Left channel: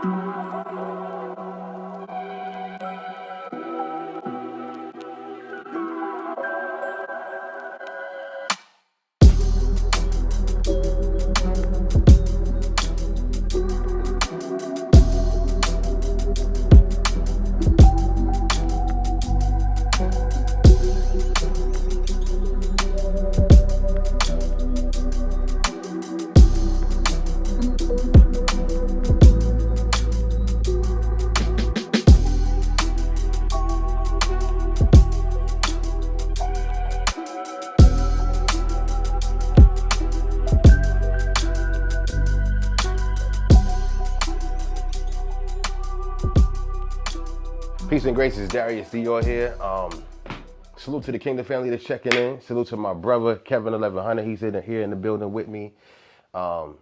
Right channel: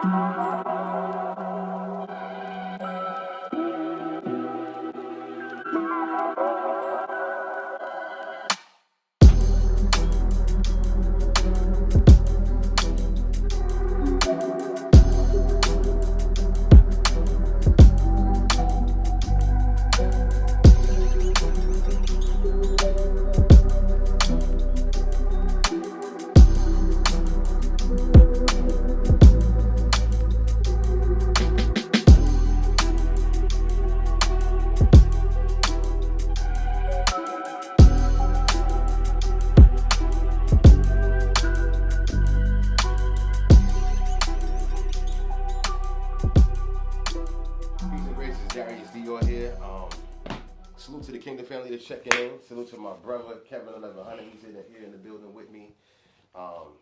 Peace and grace, it's Darius, Dior here. Salute to the Kingdom family that's checking in. Salute to my brother, Kevin1100. He's here in the building with me. Man,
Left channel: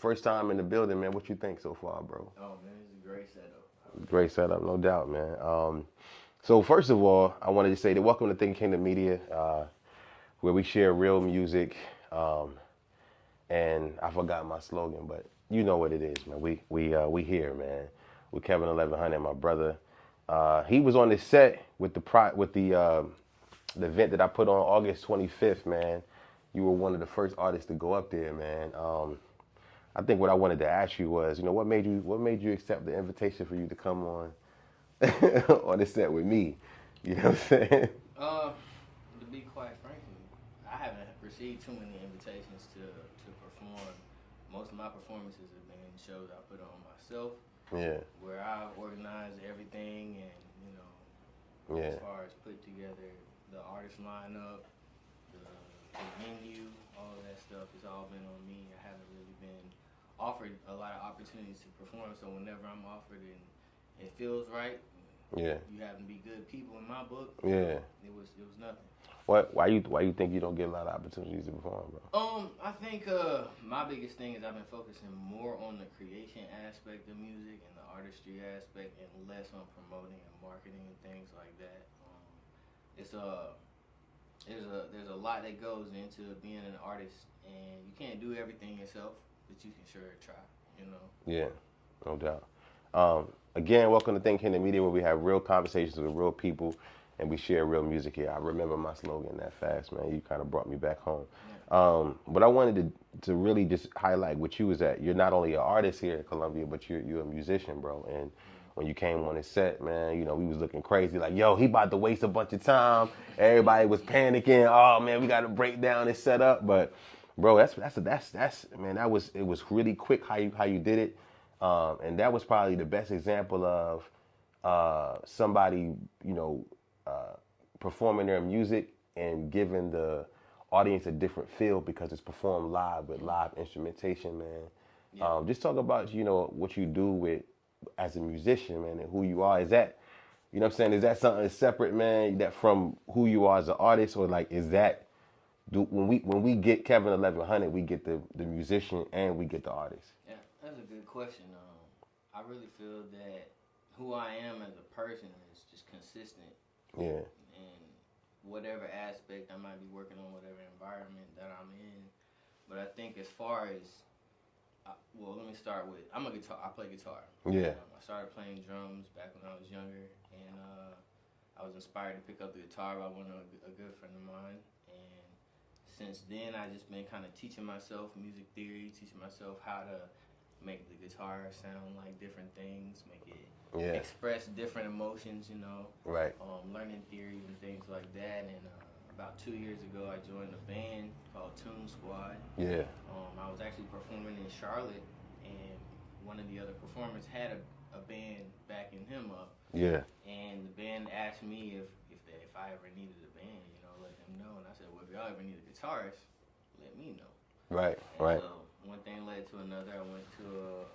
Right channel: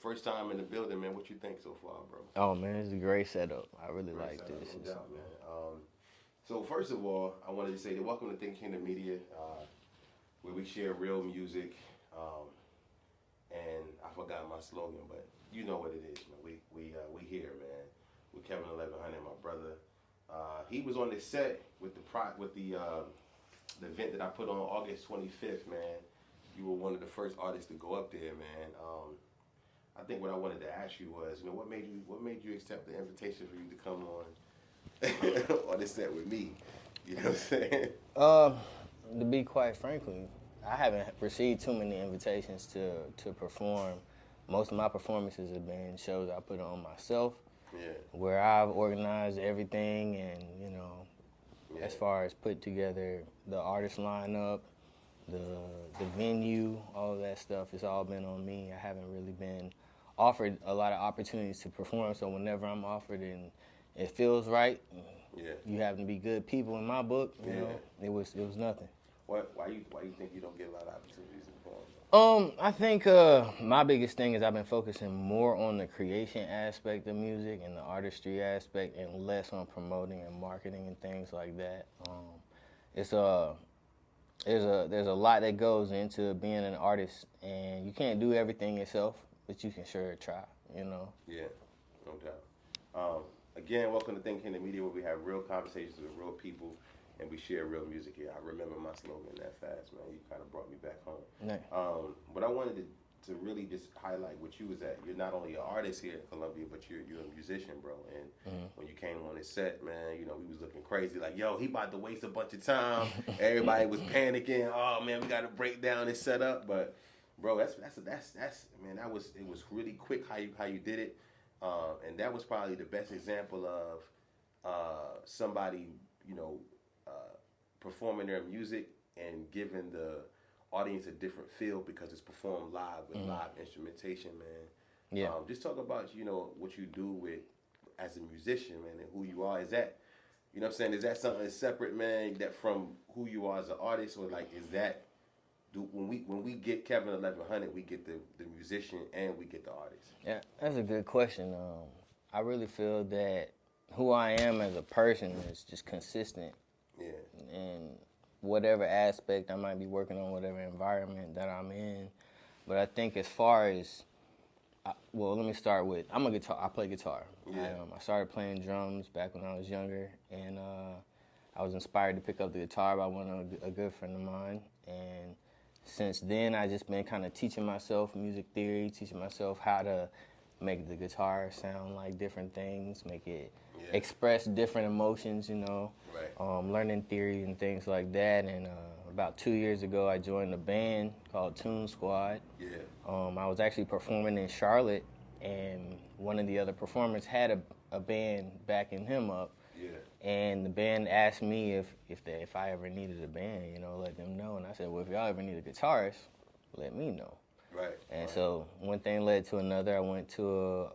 first time in the building, man. What you think so far, bro? Oh, man, it's a great setup. I really Great like setup, this. no doubt, man. So first of all, I wanted to say that welcome to Think Kingdom Media, where we share real music. And I forgot my slogan, but you know what it is, man. We here, man. With Kevin1100, my brother. He was on the set with the event that I put on August 25th, man. You were one of the first artists to go up there, man. I think what I wanted to ask you was, what made you accept the invitation for you to come on on the set with me? You know what I'm saying? To be quite frankly, I haven't received too many invitations to perform. Most of my performances have been shows I put on myself. Yeah. Where I've organized everything and, Yeah. as far as put together the artist lineup, the venue, all of that stuff, it's all been on me. I haven't really been offered a lot of opportunities to perform, so whenever I'm offered and it feels right, Yeah. you happen to be good people in my book, you know, it was nothing. Why you think you don't get a lot of opportunities to perform, bro? I think my biggest thing is I've been focusing more on the creation aspect of music and the artistry aspect, and less on promoting and marketing and things like that. There's a lot that goes into being an artist, and you can't do everything yourself, but you can sure try. Yeah, no doubt. Again, welcome to Think Kingdom Media, where we have real conversations with real people and we share real music here. I remember my slogan that fast, man. You kind of brought me back home. Yeah. But I wanted to really just highlight what you was at. You're not only an artist here at Columbia, but you're a musician, bro. And when you came on the set, man, we was looking crazy. Like, yo, he about to waste a bunch of time. Everybody was panicking. Oh man, we got to break down and set up. But bro, that's man. It was really quick how you did it. And that was probably the best example of somebody, performing their music and giving the audience a different feel because it's performed live with live instrumentation, man. Yeah. Just talk about, what you do as a musician, man, and who you are. Is that, what I'm saying? Is that something separate, man, that from who you are as an artist, or like, when we get Kevin1100, we get the musician and we get the artist? Yeah, that's a good question. I really feel that who I am as a person is just consistent. Yeah. In whatever aspect I might be working on, whatever environment that I'm in. But I think as far as, let me start with, I play guitar. Yeah. I started playing drums back when I was younger, and I was inspired to pick up the guitar by a good friend of mine. And since then, I just been kind of teaching myself music theory, teaching myself how to make the guitar sound like different things, make it express different emotions, Right. Learning theories and things like that. And about 2 years ago, I joined a band called Tune Squad. Yeah. I was actually performing in Charlotte, and one of the other performers had a band backing him up. Yeah. And the band asked me if I ever needed a band, let them know. And I said, well, if y'all ever need a guitarist, let me know. Right. And so one thing led to another. I went to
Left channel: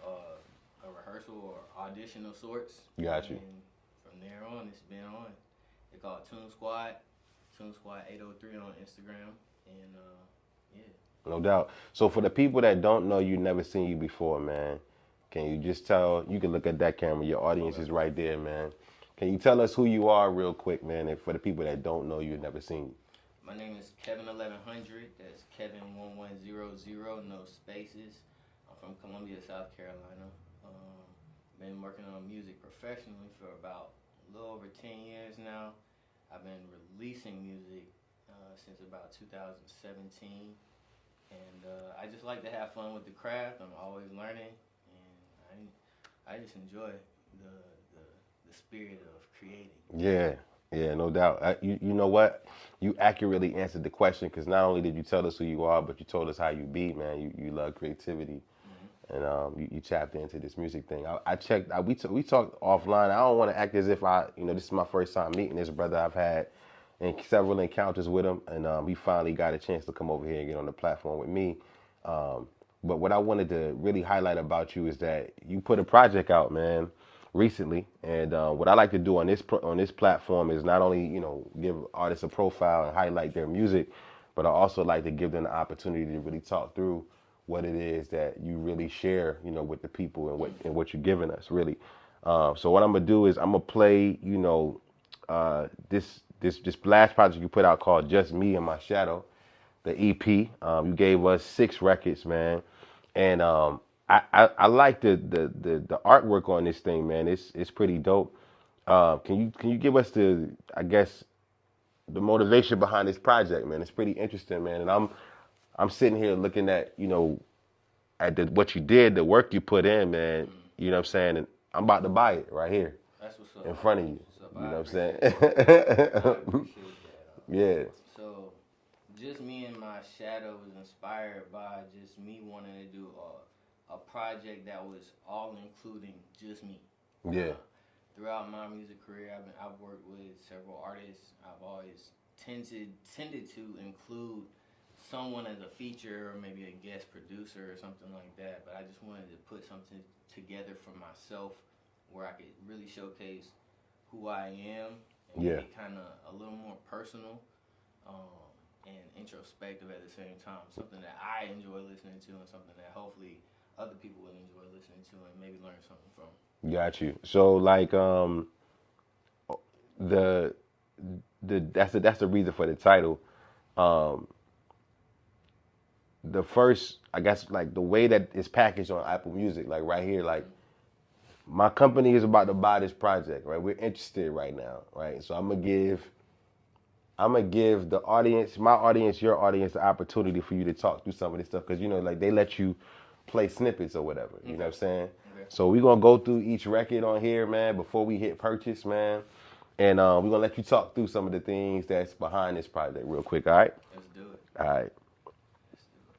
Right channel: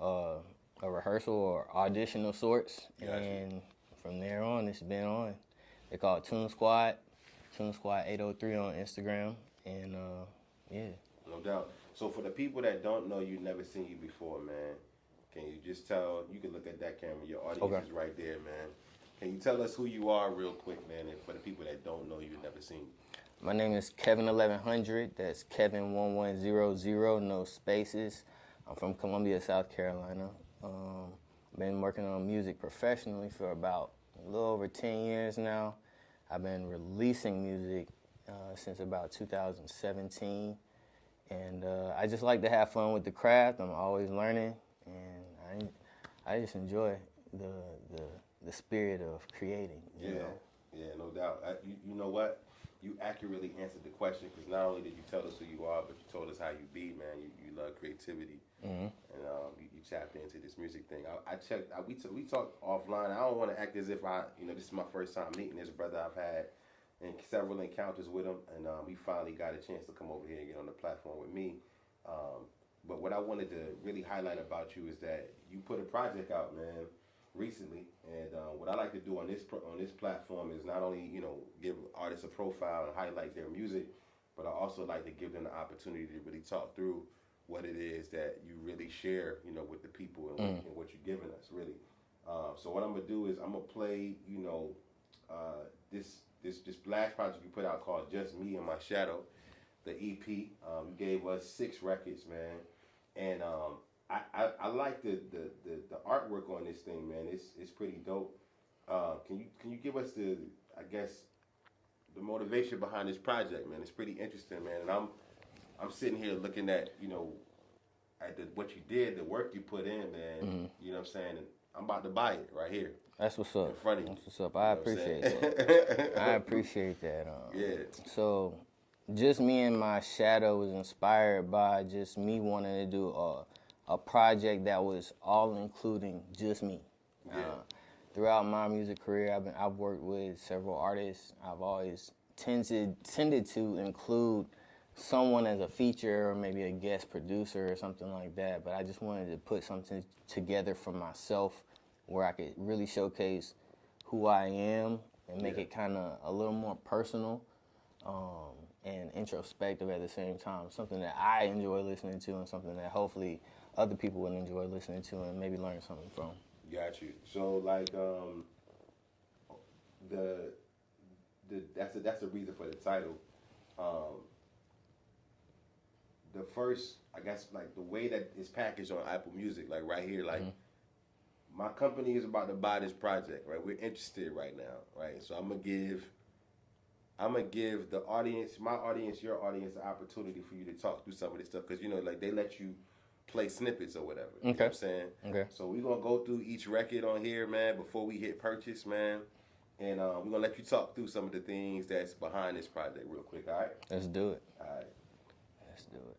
a rehearsal or audition of sorts. Gotcha. And from there on, it's been on. They call it Tune Squad 803 on Instagram. And yeah. No doubt. So for the people that don't know you, never seen you before, man, can you just tell, you can look at that camera, your audience is right there, man. Can you tell us who you are real quick, man, and for the people that don't know you, never seen you? My name is Kevin1100. That's Kevin1100, no spaces. I'm from Columbia, South Carolina. been working on music professionally for about a little over 10 years now. I've been releasing music since about 2017. And I just like to have fun with the craft. I'm always learning, and I just enjoy the spirit of creating. Yeah, yeah, no doubt. You know what? You accurately answered the question, because not only did you tell us who you are, but you told us how you be, man. You love creativity, and you tapped into this music thing. I checked. We talked offline. I don't want to act as if this is my first time meeting this brother. I've had several encounters with him, and he finally got a chance to come over here and get on the platform with me. But what I wanted to really highlight about you is that you put a project out, man, recently. And what I like to do on this platform is not only give artists a profile and highlight their music, but I also like to give them the opportunity to really talk through what it is that you really share, with the people and what you're giving us, really. So what I'm gonna do is I'm gonna play, this last project you put out called Just Me and My Shadow, the EP. You gave us 6 records, man, and I like the artwork on this thing, man. It's pretty dope. Can you give us the motivation behind this project, man? It's pretty interesting, man. And I'm sitting here looking at what you did, the work you put in, man. You know what I'm saying? And I'm about to buy it right here. That's what's up. In front of you. That's what's up. I appreciate it. I appreciate that. Yeah. So, Just Me and My Shadow was inspired by just me wanting to do a project that was all including just me. Yeah. Throughout my music career, I've worked with several artists. I've always tended to include someone as a feature or maybe a guest producer or something like that. But I just wanted to put something together for myself where I could really showcase who I am and make it kind of a little more personal and introspective at the same time. Something that I enjoy listening to and something that hopefully other people would enjoy listening to and maybe learn something from. Got you. So like that's the reason for the title. The first, I guess, like the way that it's packaged on Apple Music, like right here, like my company is about to buy this project, right? We're interested right now, right? So I'm gonna give the audience, my audience, your audience, the opportunity for you to talk through some of this stuff, because like they let you play snippets or whatever. You know what I'm saying? Okay. So we're gonna go through each record on here, man, before we hit purchase, man. And we're gonna let you talk through some of the things that's behind this project real quick, all right? Let's do it. All right. Let's do it.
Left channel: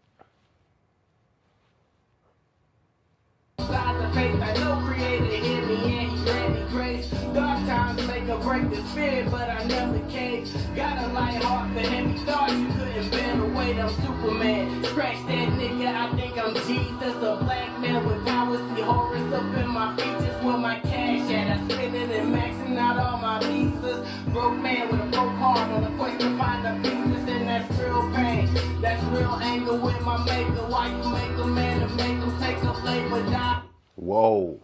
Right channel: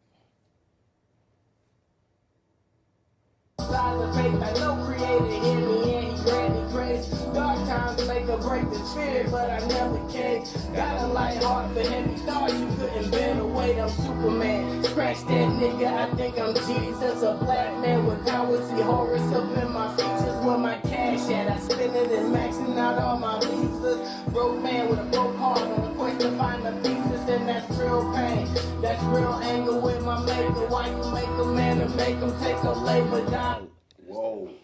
Sides of faith, I know creator hit me and he let me crazy. Dark times make or break the spirit, but I never caved. Got a light heart for him, he thought you couldn't bend the weight, I'm Superman. Scratch that nigga, I think I'm Jesus. A black man with powers, see Horus up in my features. Where my cash at, I spend it and maxing out all my visas. Broke man with a broke heart on the quest to find the pieces, and that's real pain. That's real anger with my maker. Why you make a man and make him take a labor down? Whoa.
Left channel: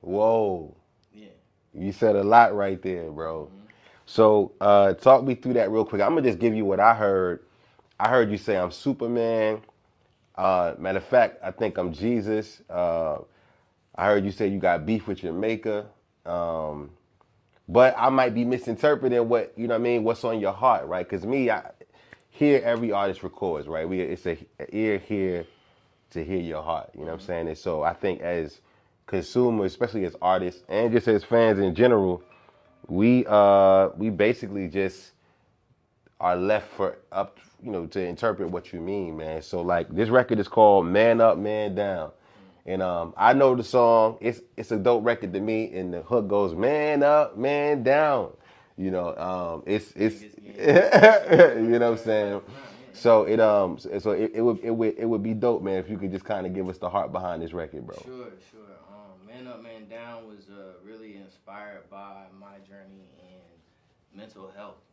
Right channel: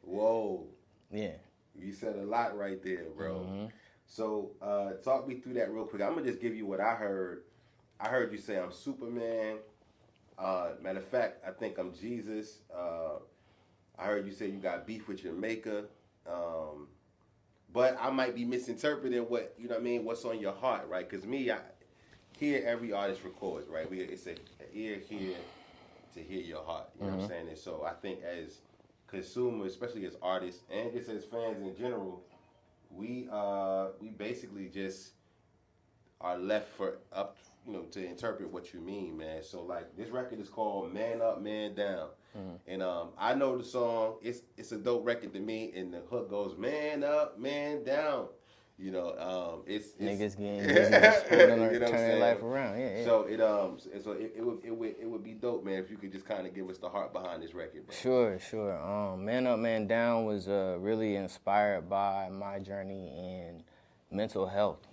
Whoa. Yeah. You said a lot right there, bro. So talk me through that real quick. I'm gonna just give you what I heard. I heard you say I'm Superman. Matter of fact, I think I'm Jesus. I heard you say you got beef with your maker. But I might be misinterpreting what's on your heart, right? Because I hear every artist records, right? It's an ear here to hear your heart. You know what I'm saying? And so I think as consumers, especially as artists and just as fans in general, we basically just are left to interpret what you mean, man. So like this record is called Man Up, Man Down. And I know the song. It's a dope record to me, and the hook goes Man Up, Man Down. It's Niggas getting you know what I'm saying. Life around. Yeah. So it would be dope, man, if you could just kind of give us the heart behind this record, bro. Sure. Man Up, Man Down was really inspired by my journey in mental health.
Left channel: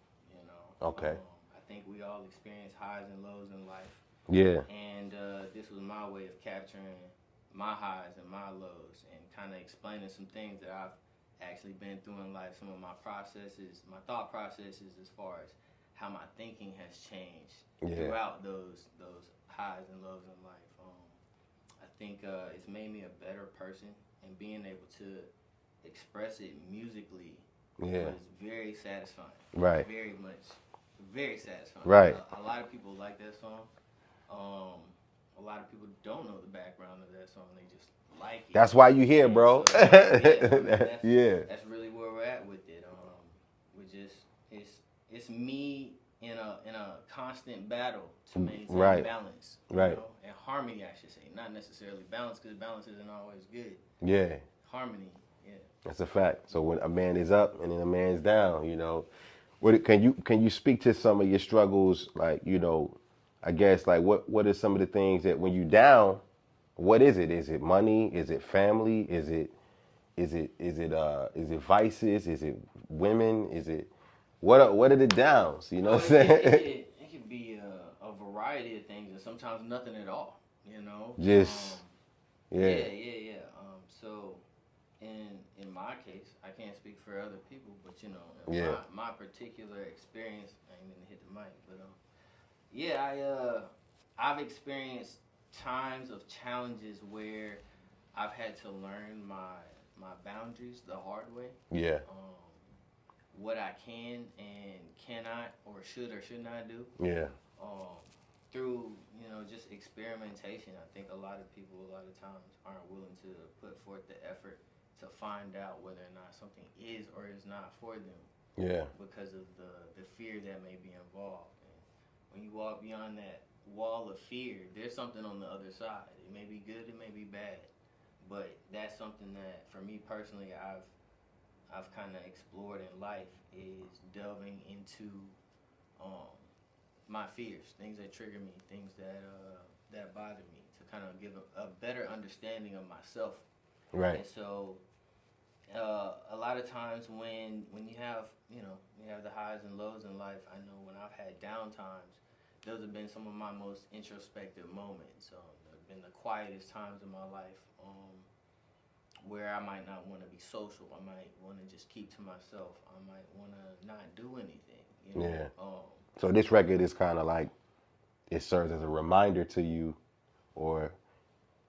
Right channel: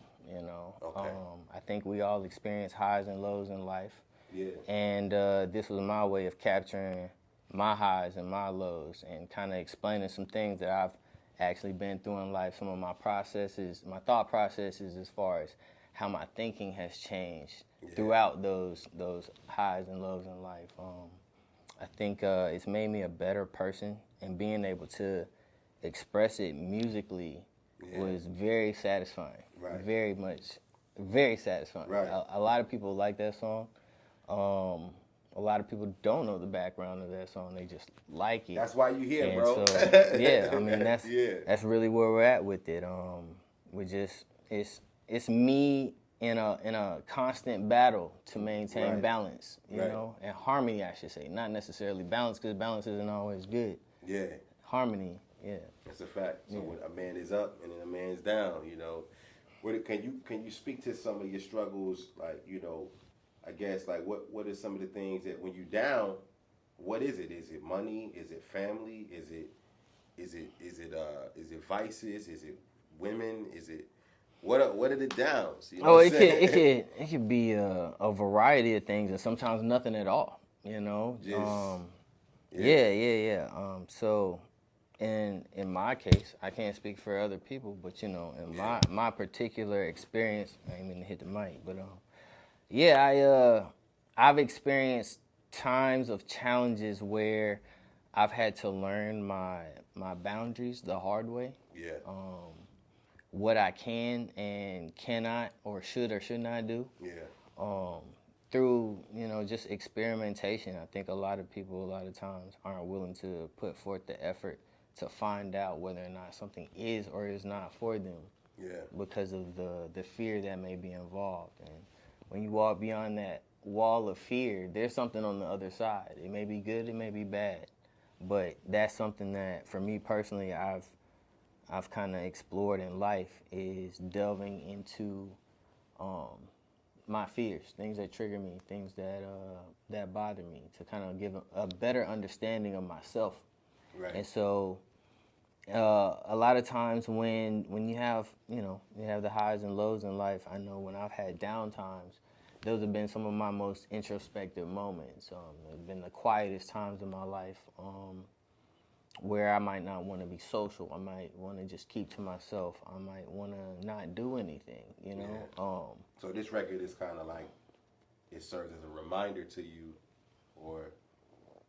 Okay. I think we all experience highs and lows in life. Yeah. And this was my way of capturing my highs and my lows and kind of explaining some things that I've actually been through in life, some of my processes, my thought processes as far as how my thinking has changed throughout those highs and lows in life. I think it's made me a better person, and being able to express it musically was very satisfying. Right. Very satisfying. Right. A lot of people like that song. A lot of people don't know the background of that song. They just like it. That's why you here, And bro. so, yeah, I mean that's really where we're at with it. We just it's me in a constant battle to maintain balance, you know, and harmony, I should say, not necessarily balance, because balance isn't always good. Yeah. Harmony, yeah. That's a fact. So when a man is up and then a man's down, you know, can you speak to some of your struggles, like, you know, I guess, like, what are some of the things that when you down, what is it? Is it money? Is it family? Is it vices? Is it women? Is it what are the downs? You know what I'm saying? It could be a variety of things, and sometimes nothing at all. You know, just yeah. So, in my case, I can't speak for other people, but you know, in my particular experience, I didn't mean to hit the mic, but I've experienced times of challenges where I've had to learn my boundaries the hard way. Yeah. What I can and cannot or should not do. Yeah. Through, you know, just experimentation. I think a lot of people a lot of times aren't willing to put forth the effort to find out whether or not something is or is not for them. Yeah. Because of the fear that may be involved. And when you walk beyond that wall of fear, there's something on the other side. It may be good, it may be bad, but that's something that, for me personally, I've kind of explored in life, is delving into my fears, things that trigger me, things that bother me, to kind of give a better understanding of myself. Right. And so a lot of times when you have the highs and lows in life, I know when I've had down times, those have been some of my most introspective moments. They've been the quietest times in my life, where I might not want to be social. I might want to just keep to myself. I might want to not do anything, you know. Yeah. So this record is kind of like, it serves as a reminder to you, or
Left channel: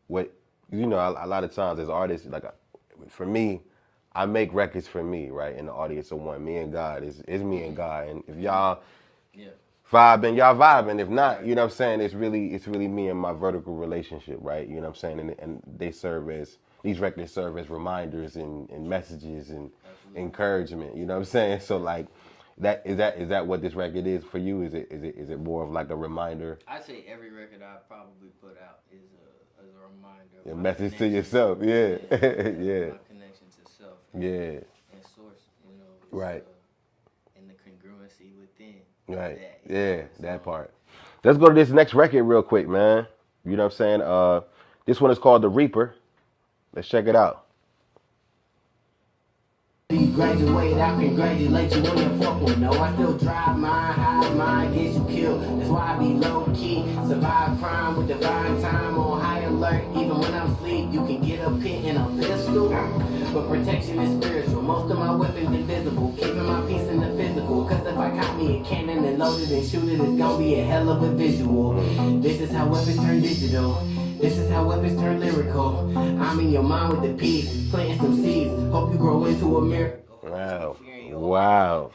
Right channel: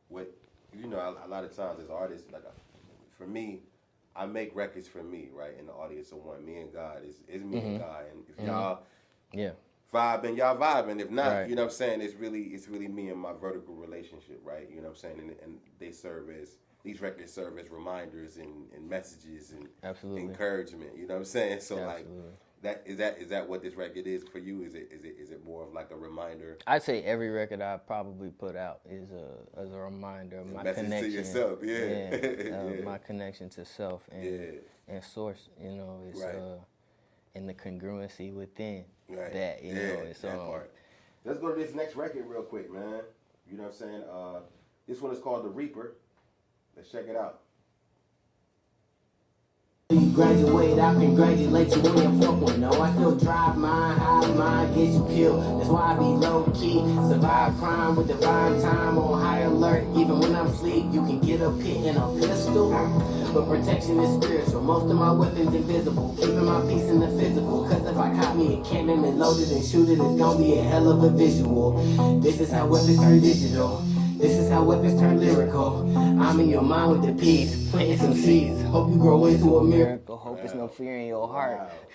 what, you know, a lot of times as artists, like, for me, I make records for me, right? And the audience of one. Me and God is me and God. And if y'all vibing, y'all vibing. If not, you know what I'm saying? It's really me and my vertical relationship, right? You know what I'm saying? And they serve as, these records serve as reminders and messages and encouragement. You know what I'm saying? So like, is that what this record is for you? Is it more of like a reminder? I'd say every record I probably put out is a reminder of a my message connection. to yourself. Yeah. My connection to self. And, and source. You know, it's and the congruency within. Right. That, you know, that part. Let's go to this next record real quick, man. You know what I'm saying? This one is called The Reaper. Let's check it out. You graduate, I congratulate you on your 4.0. I still drive mine, hide mine, get you killed. That's why I be low key, survive crime with divine time on high alert. Even when I'm asleep, you can get a pin and a pistol. But protection is spiritual. Most of my weapons invisible, keeping my peace in the physical. Cause if I caught me a cannon and loaded and shoot it, it's gonna be a hell of a visual. This is how weapons turn digital. This is how weapons turn lyrical. I'm in your mind with the peace, planting some seeds. Hope you grow into a miracle. Hope there's no fear in your heart.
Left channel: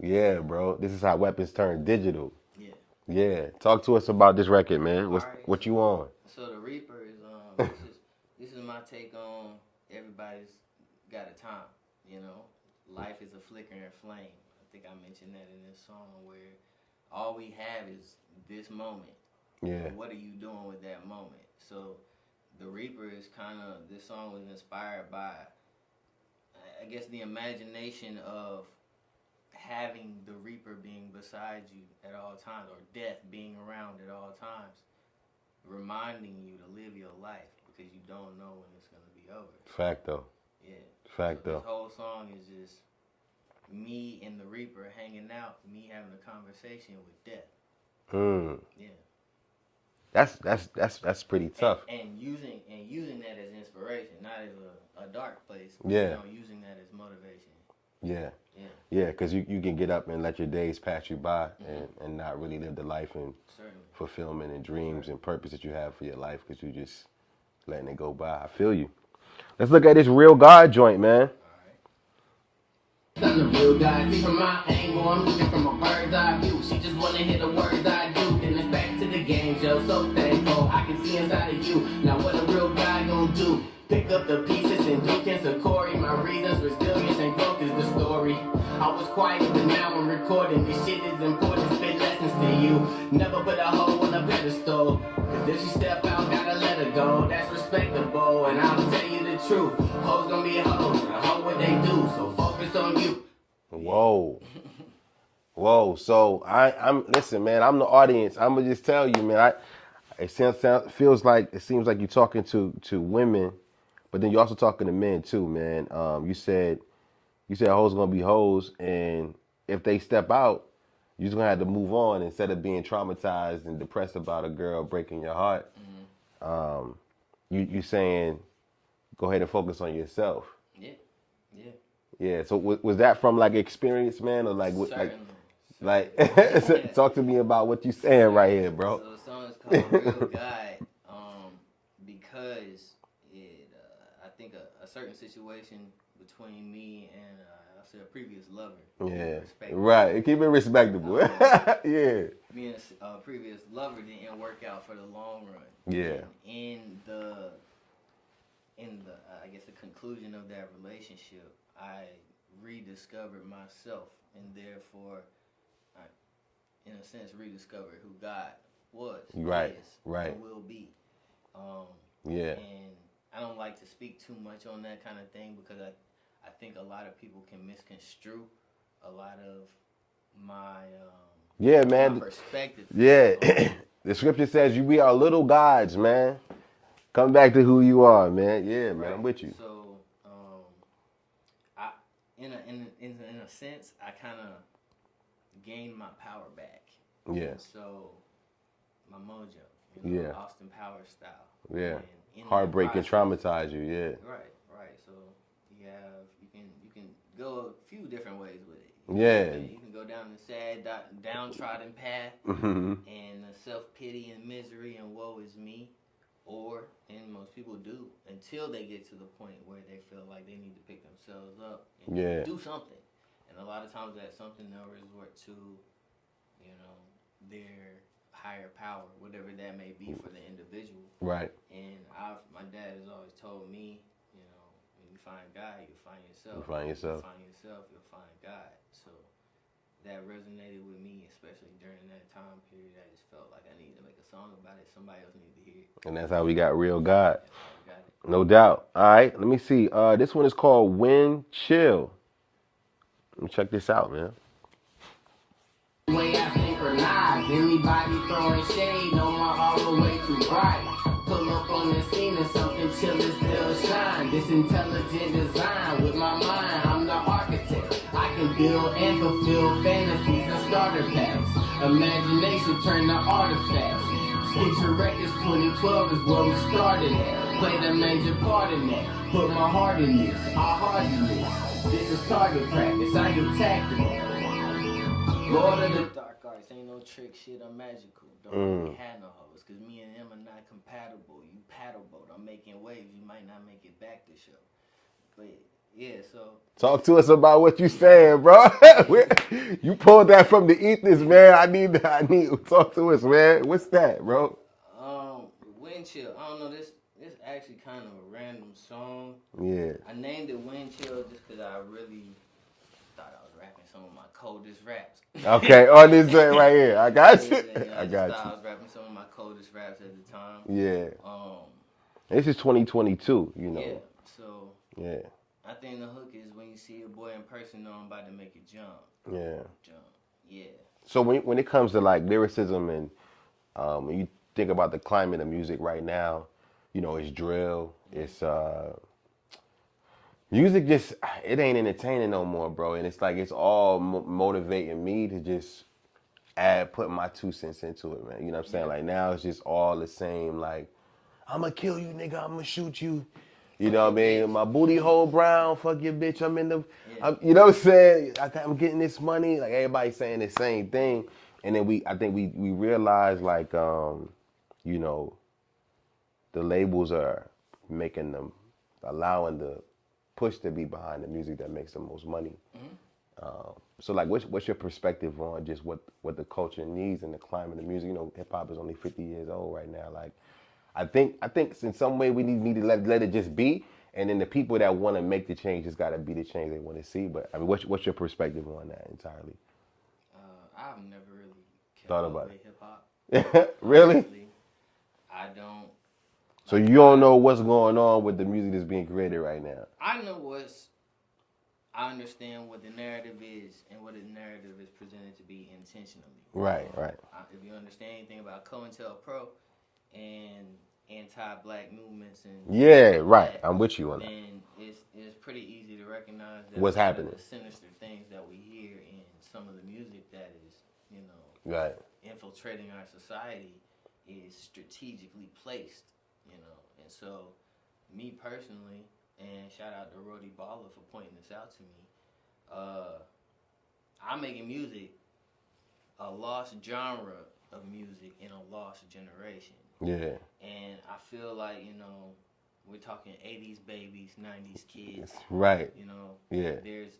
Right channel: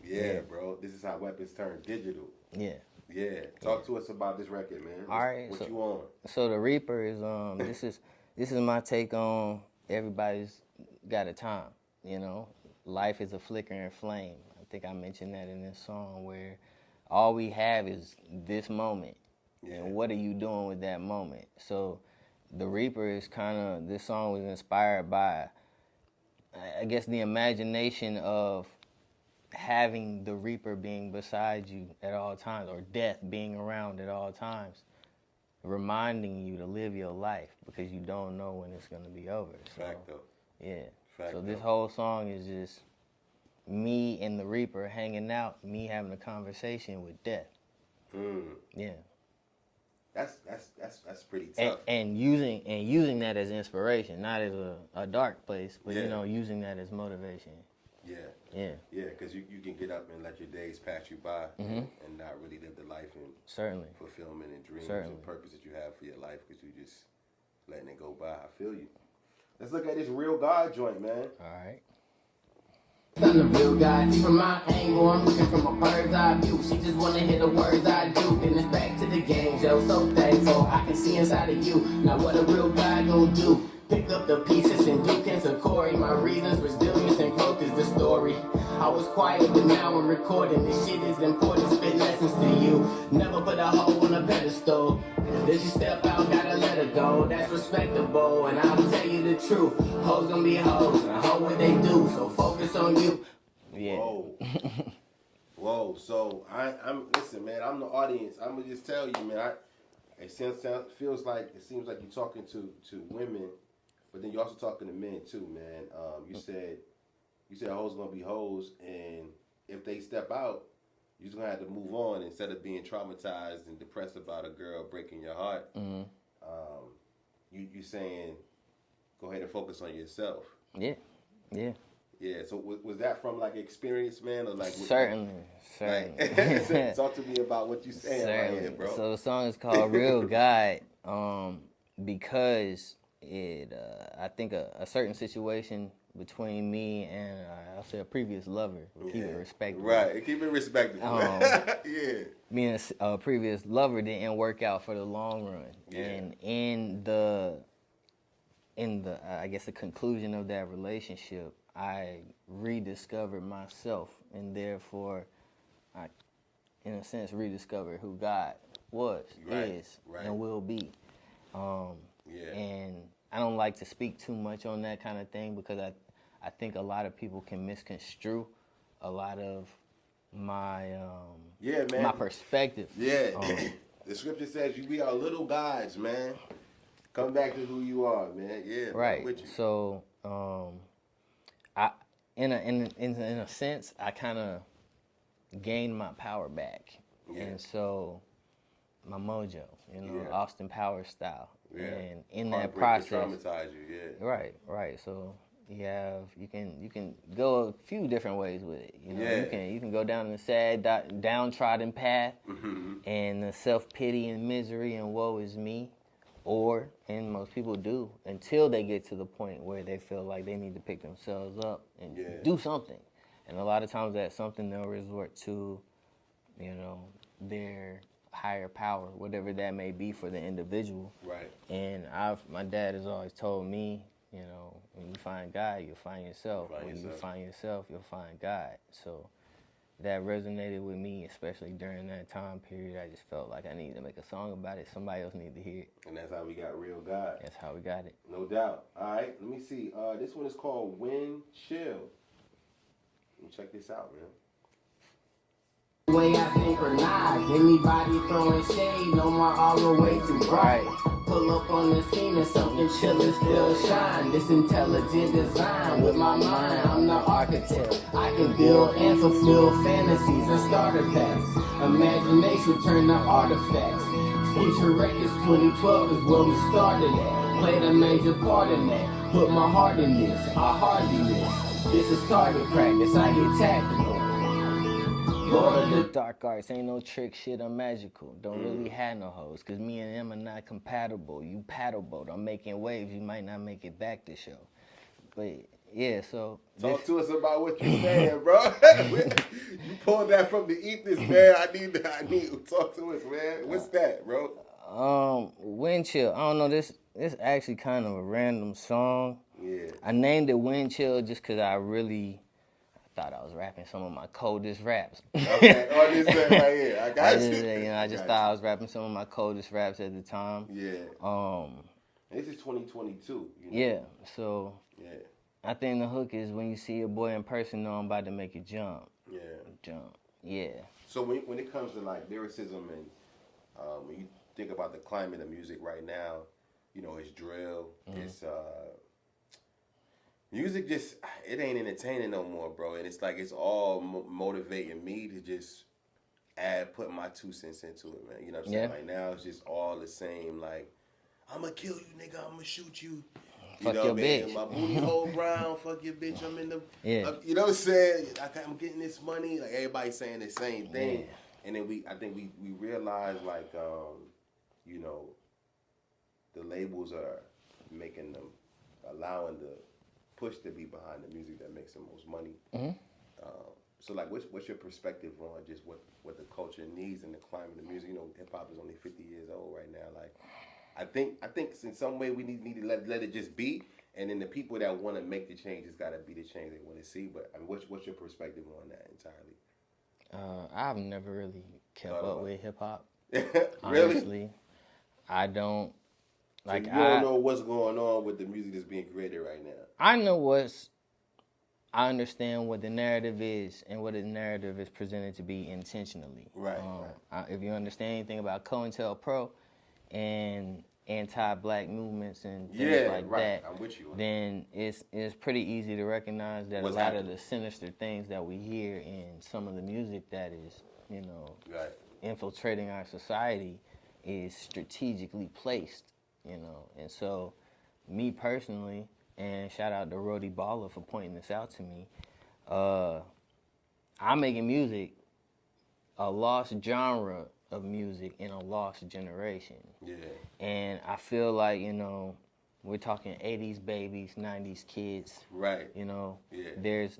Yeah, bro. This is how weapons turn digital. Yeah. Talk to us about this record, man. What you on? So The Reaper is this is my take on everybody's got a time. You know, life is a flickering flame. I think I mentioned that in this song, where all we have is this moment. Yeah. What are you doing with that moment? So The Reaper is kind of, this song was inspired by, I guess, the imagination of having the Reaper being beside you at all times, or death being around at all times, reminding you to live your life, because you don't know when it's going to be over. Fact, though. Yeah. Fact, so this whole song is just me and the Reaper hanging out, me having a conversation with death. Yeah. That's pretty tough. And using that as inspiration, not as a dark place, but you know, using that as motivation. Yeah, because you can get up and let your days pass you by and not really live the life and fulfillment and dreams and purpose that you have for your life, because you just letting it go by. I feel you. Let's look at this Real God joint, man. I'm the real guy. See from my angle, I'm looking from a bird's eye view. She just wanna hear the words I do. Then it's back to the game show. So thankful I can see inside of you. Now what a real guy gon' do? Pick up the pieces and do and Corey. My reasons, resilience, and growth is the story. I was quiet, but now I'm recording. This shit is important. Spit lessons to you. Never put a hoe on a pedestal. Cause if she step out, gotta let her go. That's respectable, and I'll tell you the truth. Hoes gonna be hoes, and hoe what they do. So focus on you. Whoa. Whoa. So I'm listen, man, I'm the audience. I'm gonna just tell you, man, it seems like you're talking to women, but then you're also talking to men too, man. You said hoes gonna be hoes, and if they step out, you're just gonna have to move on instead of being traumatized and depressed about a girl breaking your heart. You saying go ahead and focus on yourself. Yeah. So was that from like experience, man, or like Certainly. Like talk to me about what you saying right here, bro. So the song is called Real God, because I think a certain situation between me and I'll say a previous lover. Keep it respectable. Right, keep it respectable. Yeah. Me and a previous lover didn't work out for the long run. Yeah. And in the I guess the conclusion of that relationship, I rediscovered myself, and therefore I, in a sense, rediscovered who God was, is, and will be. And I don't like to speak too much on that kind of thing because I think a lot of people can misconstrue a lot of my my perspective. Yeah. The scripture says we are little gods, man. Come back to who you are, man. Yeah, right. man, I'm with you. So, I in a sense, I kind of gained my power back. Yeah. And so, my mojo, Austin Powers style. Yeah. And in heartbreak that process, can traumatize you. Yeah. Right. So you can go a few different ways with it. You can go down the sad, downtrodden path, and the self-pity and misery and woe is me. And most people do, until they get to the point where they feel like they need to pick themselves up and do something. And a lot of times that something they'll resort to, their higher power, whatever that may be for the individual. Right. And my dad has always told me, when you find God, you'll find yourself. When you find yourself, you'll find God. So that resonated with me, especially during that time period. I just felt like I needed to make a song about it. Somebody else needed to hear it. And that's how we got Real God. That's how we got it. No doubt. All right, let me see. This one is called Wind Chill. Let me check this out, man. Way I synchronize, anybody throwing shade, no more all the way too bright. Pull up on the scene and something chill and still shine. This intelligent design with my mind, I'm the architect. I can build and fulfill fantasies and starter packs. Imagination turn to artifacts. Switch records 2012 is when we started at. Played a major part in that. Put my heart in this, our heart in this. This is target practice, I get tactical. Dark arts ain't no trick shit, I'm magical. Don't really have no hoes, cause me and them are not compatible. You paddleboat, I'm making waves, you might not make it back this show. But yeah, so talk to us about what you saying, bro. You pulled that from the ethers, man. I need talk to us, man. What's that, bro? Wind Chill. I don't know, this actually kind of a random song. Yeah. I named it Wind Chill just cause I really thought I was rapping some of my coldest raps. Okay, on this thing right here. I got you. I just thought I was rapping some of my coldest raps at the time. Yeah. This is 2022, Yeah, so yeah. I think the hook is when you see a boy in person, know I'm about to make it jump. Yeah. So when it comes to like lyricism and when you think about the climate of music right now, it's drill, it's music just, it ain't entertaining no more, bro. And it's like, it's all motivating me to just put my 2 cents into it, man. You know what I'm saying? Like now it's just all the same, like, I'm gonna kill you, nigga, I'm gonna shoot you. You know what I mean? My booty hole brown, fuck your bitch, I'm in the, you know what I'm saying? I'm getting this money. Like everybody saying the same thing. And then I think we realize like, the labels are making them, allowing the push to be behind the music that makes the most money. So like, what's your perspective on just what the culture needs and the climate of music? You know, hip hop is only 50 years old right now. Like, I think in some way we need to let it just be, and then the people that want to make the change just got to be the change they want to see. But I mean, what's your perspective on that entirely? I've never really kept up with hip hop. Really? Honestly, I don't. So you don't know what's going on with the music that's being created right now? I understand what the narrative is and what the narrative is presented to be intentionally. Right. If you understand anything about COINTELPRO and anti-black movements and I'm with you on that. Then it's pretty easy to recognize that What's a lot happening? of the sinister things that we hear in some of the music that is, infiltrating our society is strategically placed, and so me personally. And shout out to Rody Baller for pointing this out to me. I'm making music, a lost genre of music in a lost generation. Yeah. And I feel like, we're talking 80s babies, 90s kids. Right. Yeah. There's,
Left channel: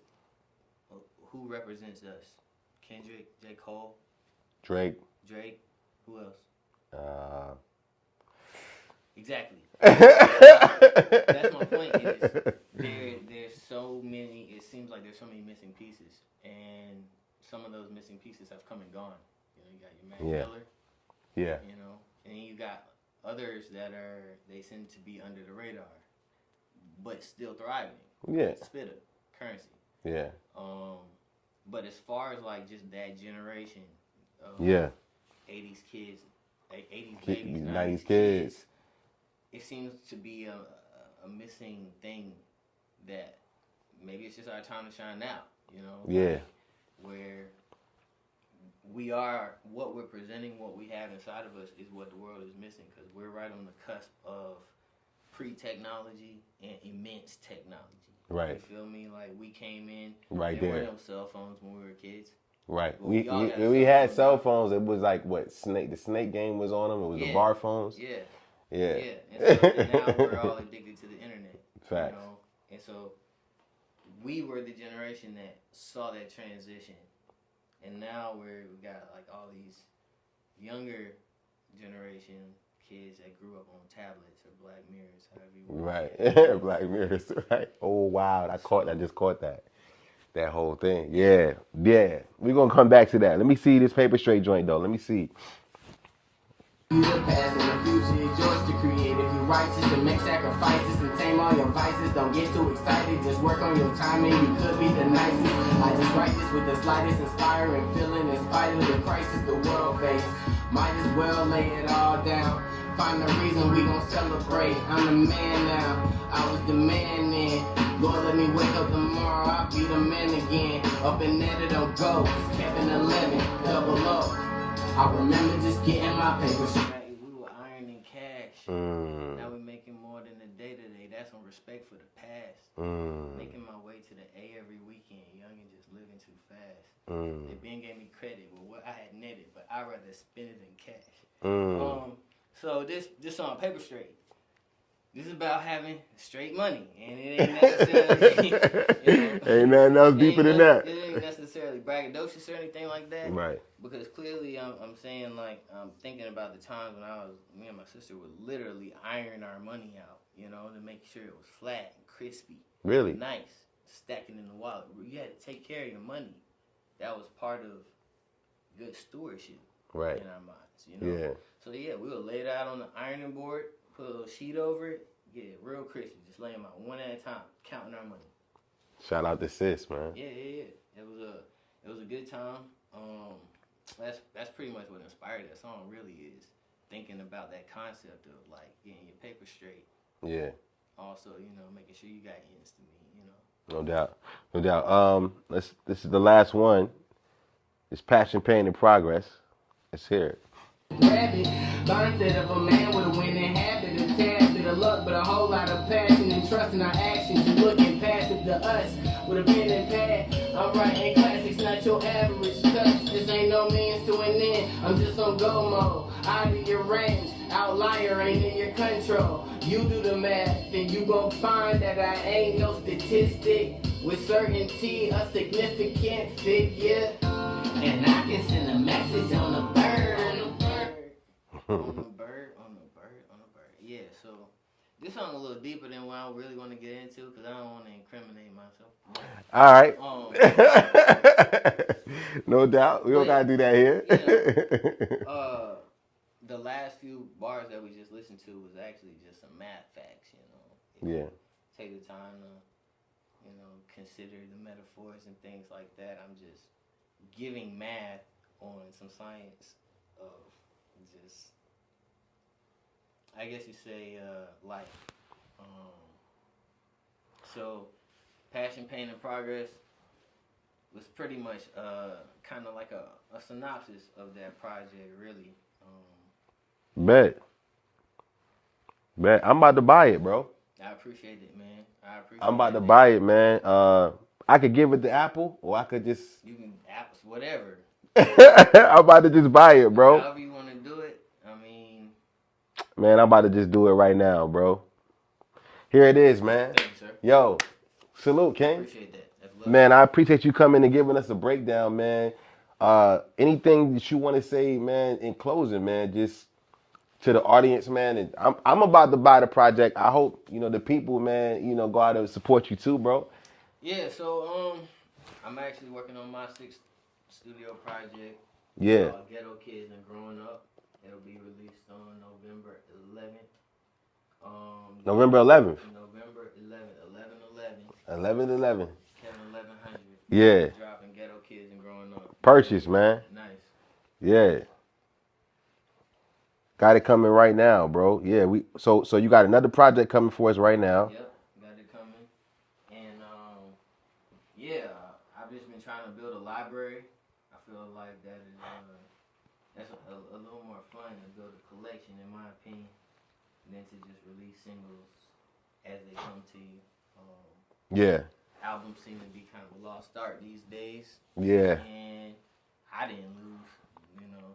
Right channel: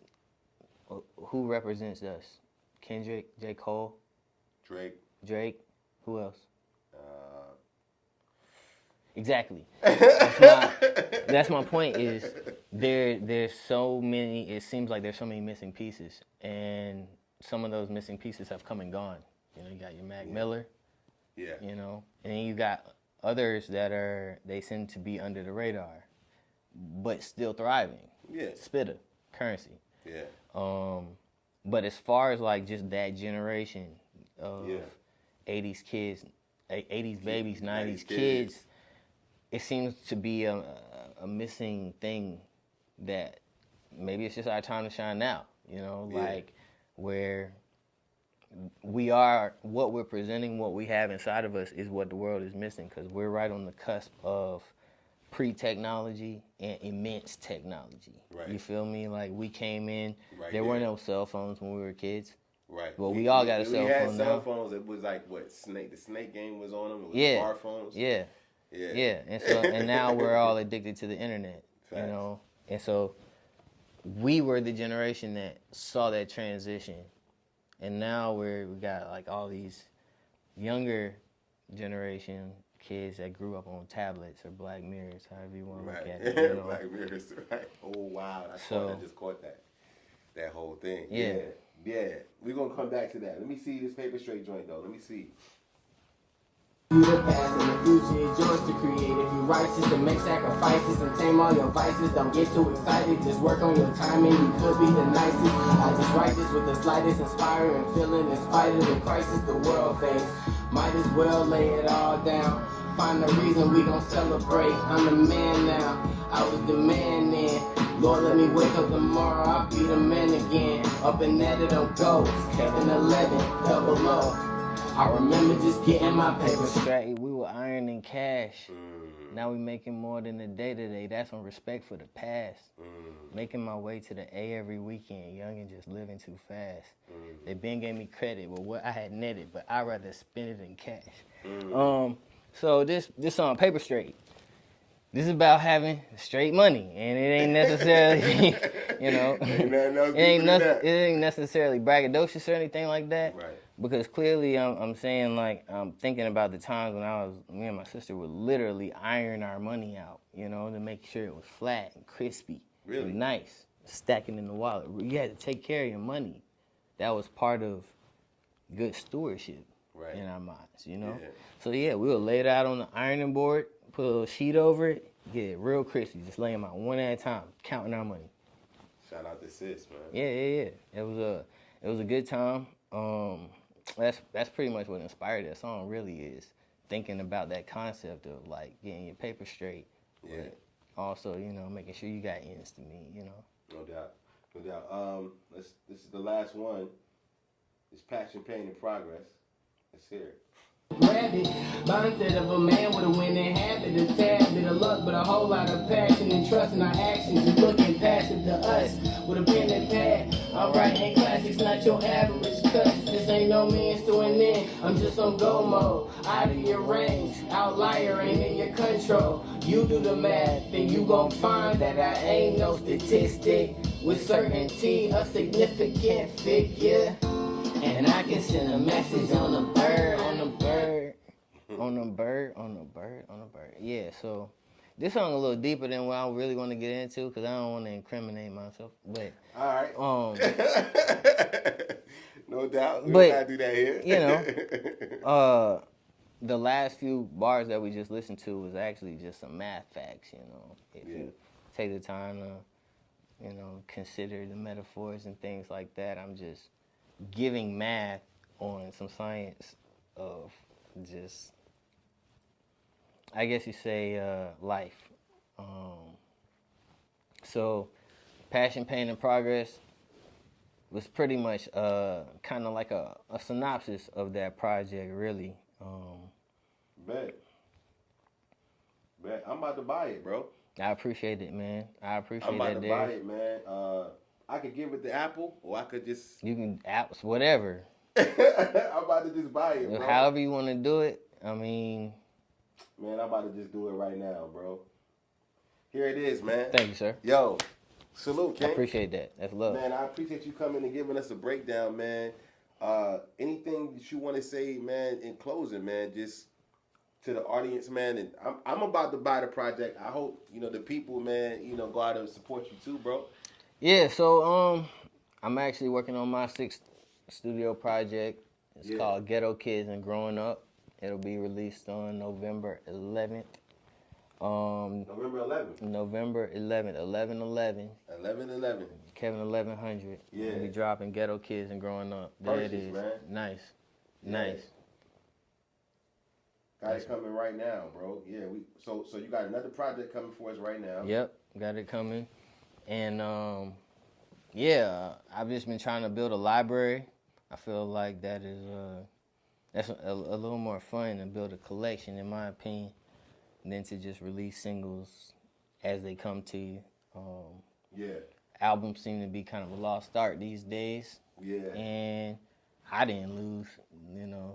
who represents us? Kendrick, J. Cole? Drake. Who else? Exactly. That's my point. Is there's so many. It seems like there's so many missing pieces, and some of those missing pieces have come and gone. You got your Mac Miller. Yeah. And then you got others that they seem to be under the radar, but still thriving. Yeah. Spitter, Currency. Yeah. But as far as like just that generation of 80s kids, 80s babies, 90s kids. It seems to be a missing thing that maybe it's just our time to shine now, like where we are, what we're presenting, what we have inside of us is what the world is missing, because we're right on the cusp of pre-technology and immense technology. Right. You feel me? Like we came in, there were no cell phones when we were kids. Right. Well, we all got a cell phone. We had cell now. phones. It was like the snake game was on them. It was the bar phones. Yeah. Yeah. And now we're all addicted to the internet. Facts. And so we were the generation that saw that transition, and now we got like all these younger generation kids that grew up on tablets or Black Mirrors, however you want to look at it. Black Mirrors, right? Oh wow, I just caught that whole thing. Yeah. We're gonna come back to that. Let me see this Paper Straight joint though. Let me see. The past and the future is yours to create. If you're righteous and make sacrifices and tame all your vices, don't get too excited. Just work on your timing. You could be the nicest. I just write this with the slightest inspiring feeling, in spite of the crisis the world faces. Might as well lay it all down. Find the reason we gon' celebrate. I'm the man now. I was the man then. Lord, let me wake up tomorrow. I'll be the man again. Up and at it on go. Kevin1100, double O. I remember just getting my paper straight. We were ironing cash. Now we making more than the day-to-day. That's on respect for the past. Making my way to the A every weekend. Young and just living too fast. They been gave me credit with what I had netted, but I'd rather spend it in cash. So this song, Paper Straight, this is about having straight money, and it ain't necessarily, ain't nothing else deeper than that. It ain't necessarily braggadocious or anything like that. Right. Because clearly, I'm saying, like, I'm thinking about the times when me and my sister would literally iron our money out, to make sure it was flat and crispy. Really? Nice. Stacking in the wallet. You had to take care of your money. That was part of good stewardship in our minds, Yeah. So, we would lay it out on the ironing board, put a little sheet over it, get it real crispy, just lay them out one at a time, counting our money. Shout out to sis, man. Yeah. It was a good time. That's pretty much what inspired that song. Really is thinking about that concept of like getting your paper straight. Yeah. Also, making sure you got ends to meet. No doubt. This is the last one. It's Passion, Pain, and Progress. Let's hear it. Mindset of a man with a winning habit, a tad bit of luck, but a whole lot of passion and trust in our actions. You looking past it to us with a pen and pad. I'm writing classics, not your average cuts. This ain't no means to an end. I'm just on go mode, out of your range. Outlier ain't in your control. You do the math, then you gon' find that I ain't no statistic. With certainty, a significant figure. And I can send a message on a bird. On a bird. On a bird. On a bird. On a bird. Yeah, so this song a little deeper than what I really want to get into because I don't want to incriminate myself. But, All right. um, No doubt. We but, don't gotta do that here. You know, the last few bars that we just listened to was actually just some math facts, you know. If you take the time to, you know, consider the metaphors and things like that. I'm just giving math on some science of just, I guess you say, life. So, Passion, Pain, and Progress was pretty much kind of like a synopsis of that project, really. Bet. I'm about to buy it, bro. I appreciate it, man. I'm about to buy it, man. I could give it to Apple, or I could just... You can, apps, whatever. I'm about to just buy it, bro. However you want to do it, I mean... Man, I'm about to just do it right now, bro. Here it is, man. Thank you, sir. Yo, salute, King. I appreciate that. That's love. Man, I appreciate you coming and giving us a breakdown, man. Anything that you want to say, man, in closing, man, just to the audience, man. And I'm about to buy the project. I hope, you know, the people, man, you know, go out and support you too, bro. Yeah, so I'm actually working on my 6th studio project. It's called Ghetto Kids and Growing Up. It'll be released on November 11th. November 11th. November 11th, 11/11. 11/11. Kevin1100. Yeah. Dropping Ghetto Kids and Growing Up. Purchase, man. Nice. Yeah. Nice. Got it coming right now, bro. Yeah, so you got another project coming for us right now. Yep, got it coming. And yeah, I've just been trying to build a library. I feel like that is that's a little more fun to build a collection, in my opinion, than to just release singles as they come to you. Yeah. Albums seem to be kind of a lost art these days. Yeah. And I didn't lose, you know,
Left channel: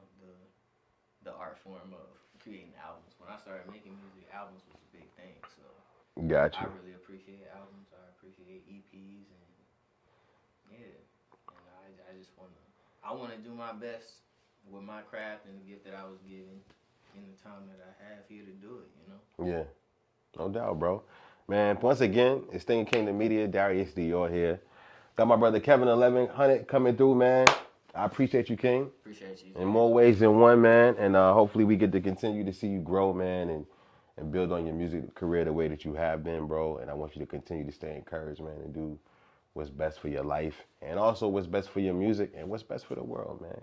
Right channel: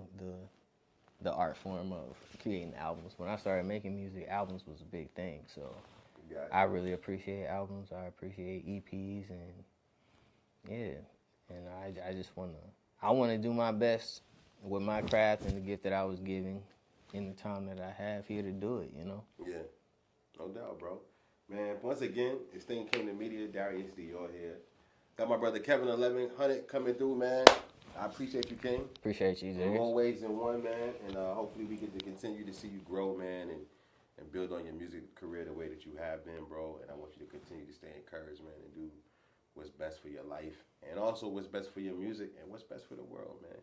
the art form of creating albums. When I started making music, albums was a big thing. So gotcha. I really appreciate albums. I appreciate EPs, and yeah. And I just want to do my best with my craft and the gift that I was given in the time that I have here to do it, you know? Yeah, no doubt, bro. Man, once again, it's Thinking Kingdom Media, Darius Dior here. Got my brother Kevin1100 coming through, man. I appreciate you, King. Appreciate you, in more ways than one, man. And hopefully we get to continue to see you grow, man, and build on your music career the way that you have been, bro. And I want you to continue to stay encouraged, man, and do what's best for your life, and also what's best for your music, and what's best for the world, man.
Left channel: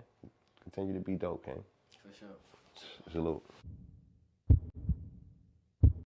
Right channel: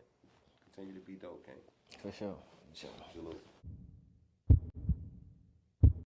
Continue to be dope, King. For sure. Salute.